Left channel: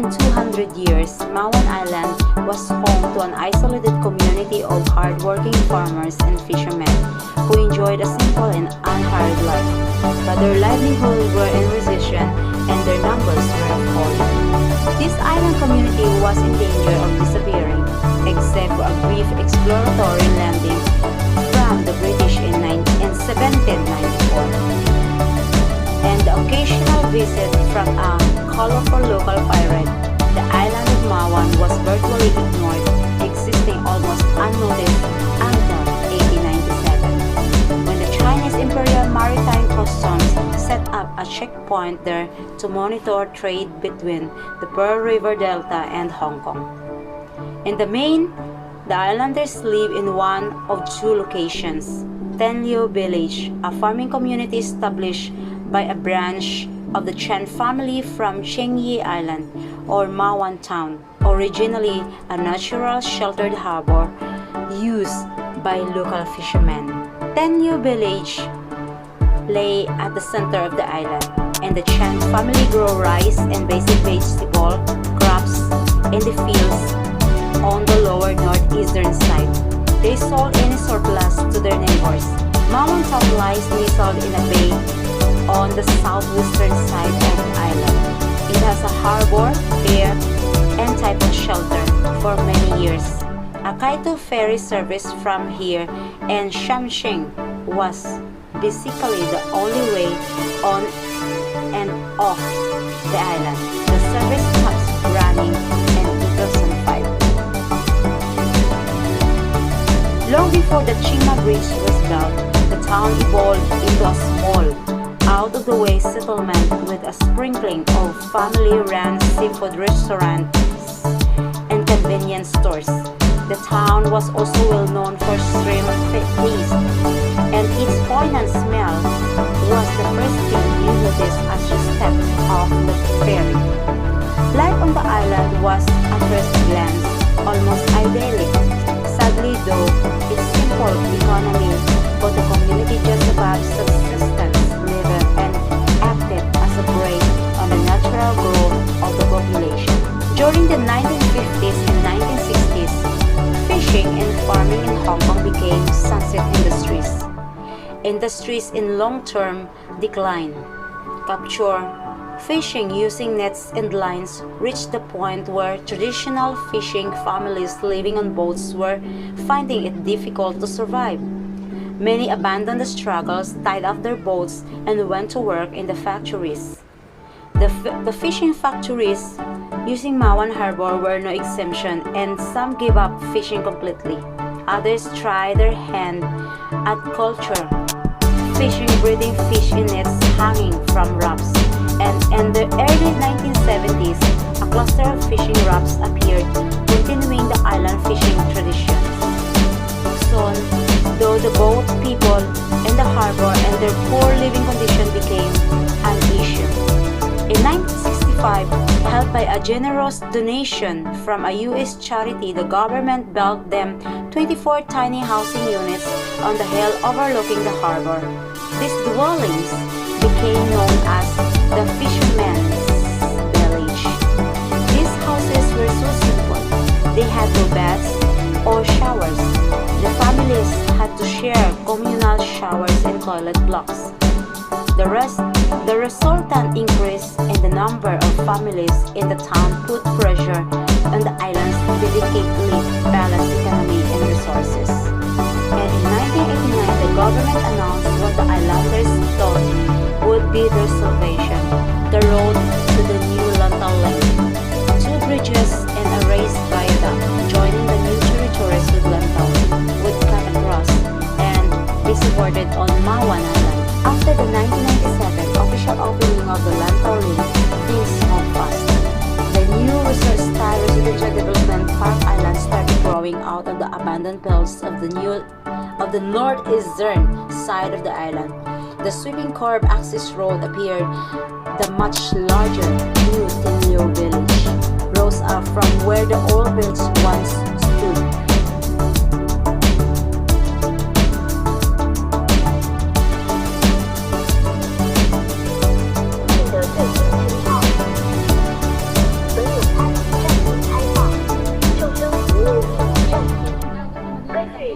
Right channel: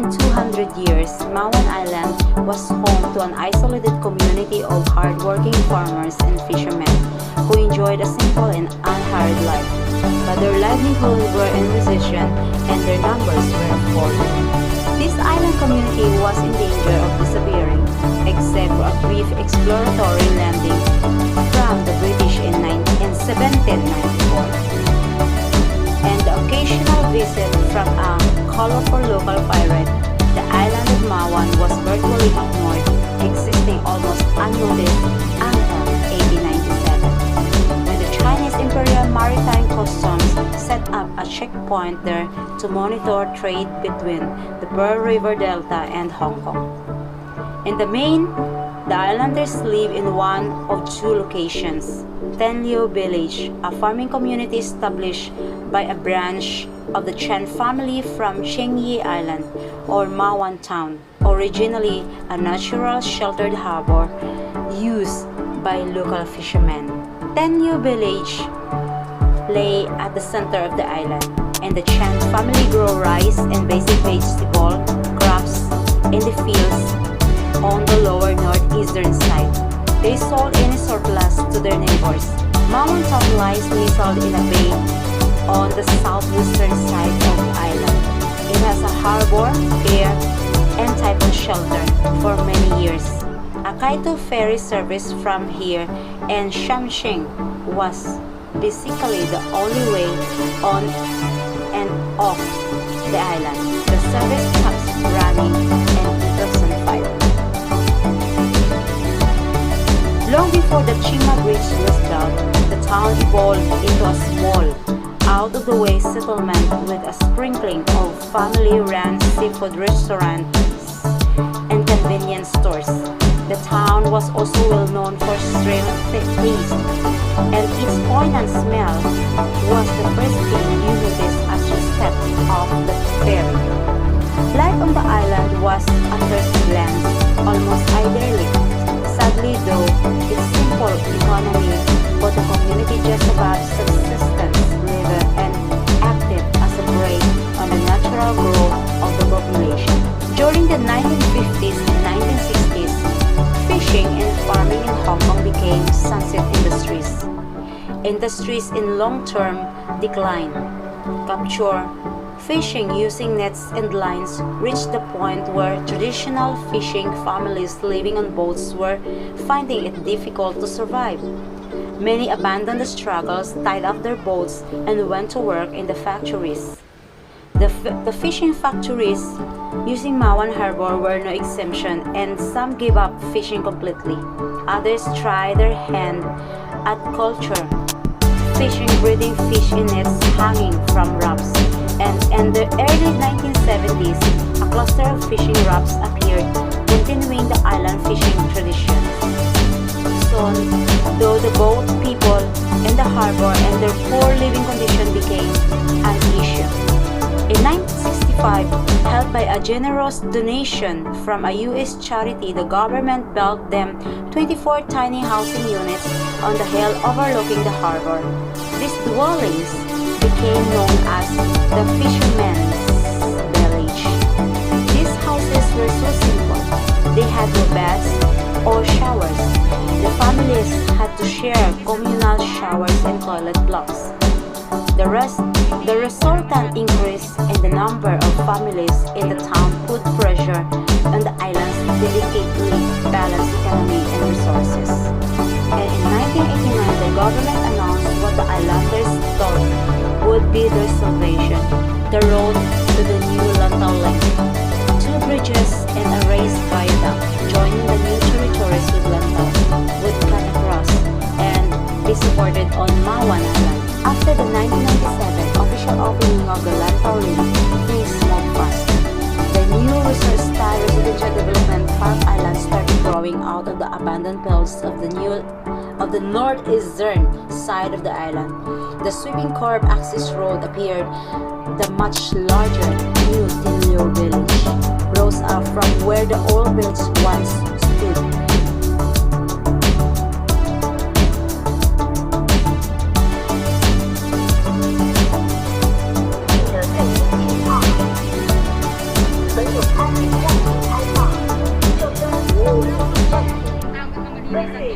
than 200 years, Mawan Island was home to an isolated community of hardworking farmers and fishermen who enjoyed a simple and unhurried life. But their livelihood were in recession and their numbers were falling. This island community was in danger of disappearing, except for a brief exploratory landing from the British in 1794, and the occasional visit from a colorful local pirate. The island of Mawan was virtually ignored, existing almost unnoticed until 1897, when the Chinese Imperial Maritime Customs set up a checkpoint there to monitor trade between the Pearl River Delta and Hong Kong. In the main, the islanders live in one of two locations: Tenliu Village, a farming community established by a branch of the Chen family from Chengyi Island, or Mawan Town, originally a natural sheltered harbor used by local fishermen. Tenliu Village lay at the center of the island, and the Chen family grow rice and basic vegetable crops in the fields on the lower northeastern side. They sold any surplus to their neighbors. Mawan Town lies nestled in a bay on the southwestern side of the island. It has a harbor, pier, and typhoon shelter for many years. A Kaito ferry service from here and Shamshing was basically the only way on and off the island. The service stopped running in 2005. Long before the Chima Bridge was built, the town evolved into a small, out-of-the-way settlement with a sprinkling of family-run seafood restaurants and convenience stores. The town was also well known for shrimp feast, and its poignant smell was the first thing you noticed as you stepped off the ferry. Life on the island was, at first glance, almost idyllic. Sadly though, its simple economy put the community just above subsistence level and acted as a brake on the natural growth of the population. During the 1950s and 1960s, fishing and farming in Hong Kong became sunset industries. Industries in long-term decline. Capture fishing using nets and lines reached the point where traditional fishing families living on boats were finding it difficult to survive. Many abandoned the struggles, tied up their boats, and went to work in the factories. The fishing factories using Mawan Harbor were no exemption, and some gave up fishing completely. Others tried their hand at culture, fishing breeding fish in nets hanging from rafts. And in the early 1970s, a cluster of fishing rafts appeared, continuing the island fishing traditions. Soon, though, the boat people in the harbor and their poor living condition became an issue. In 1965, helped by a generous donation from a U.S. charity, the government built them 24 tiny housing units on the hill overlooking the harbor. These dwellings became known as the Fisherman's Village. These houses were so simple. They had no baths or showers. The families had to share communal showers and toilet blocks. The resultant increase in the number of families in the town put pressure on the island's delicately balanced economy and resources. And in 1989, the government announced what the islanders thought would be their salvation: the road to the new Lantau Link. 2 bridges and a raised viaduct joining the new territories with Lantau would cut across and be supported on Mawan Island. After the 1997 official opening of the Lantau Link, things moved fast. The new resort-style residential development Park Island started growing out of the abandoned fields of the northeastern side of the island. The sweeping curved access road appeared. The much larger new Tenliu Village rose up from where the old village once stood.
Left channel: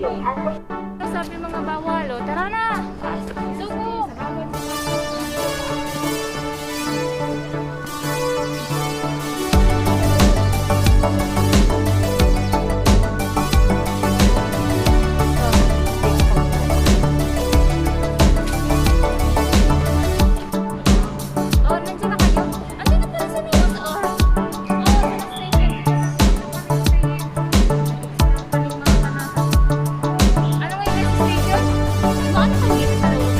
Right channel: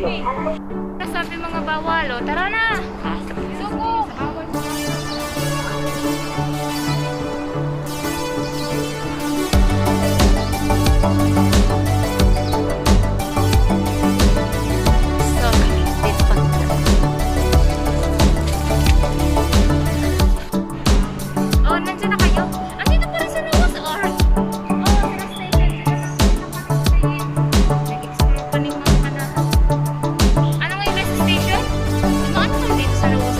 Sabi mga bawal, o tara na! Suko! So, this pagka. Oh, nandiyan na kayo? Nandito pa rin sa labas, or? Oh, sa station. Nag-explore pa rin mga kanahan. Ano nga yung nasa station? Ano kung dito sa labas?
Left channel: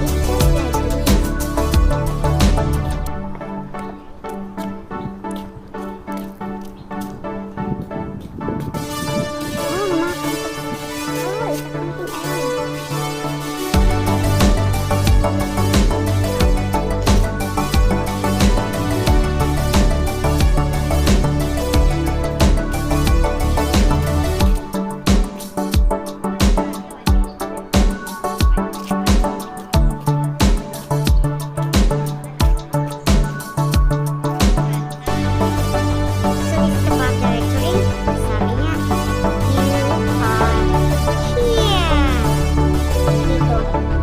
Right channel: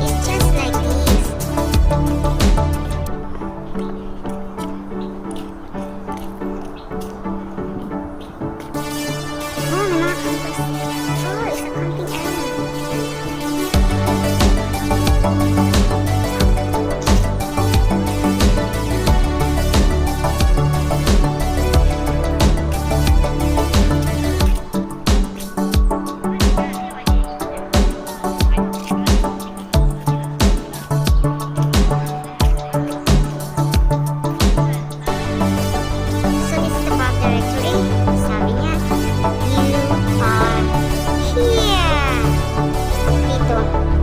It's just like this. Oh, may mga campers. Oh, it's a camping area. So this is the path directory. Sabi niya, you are here. Dito.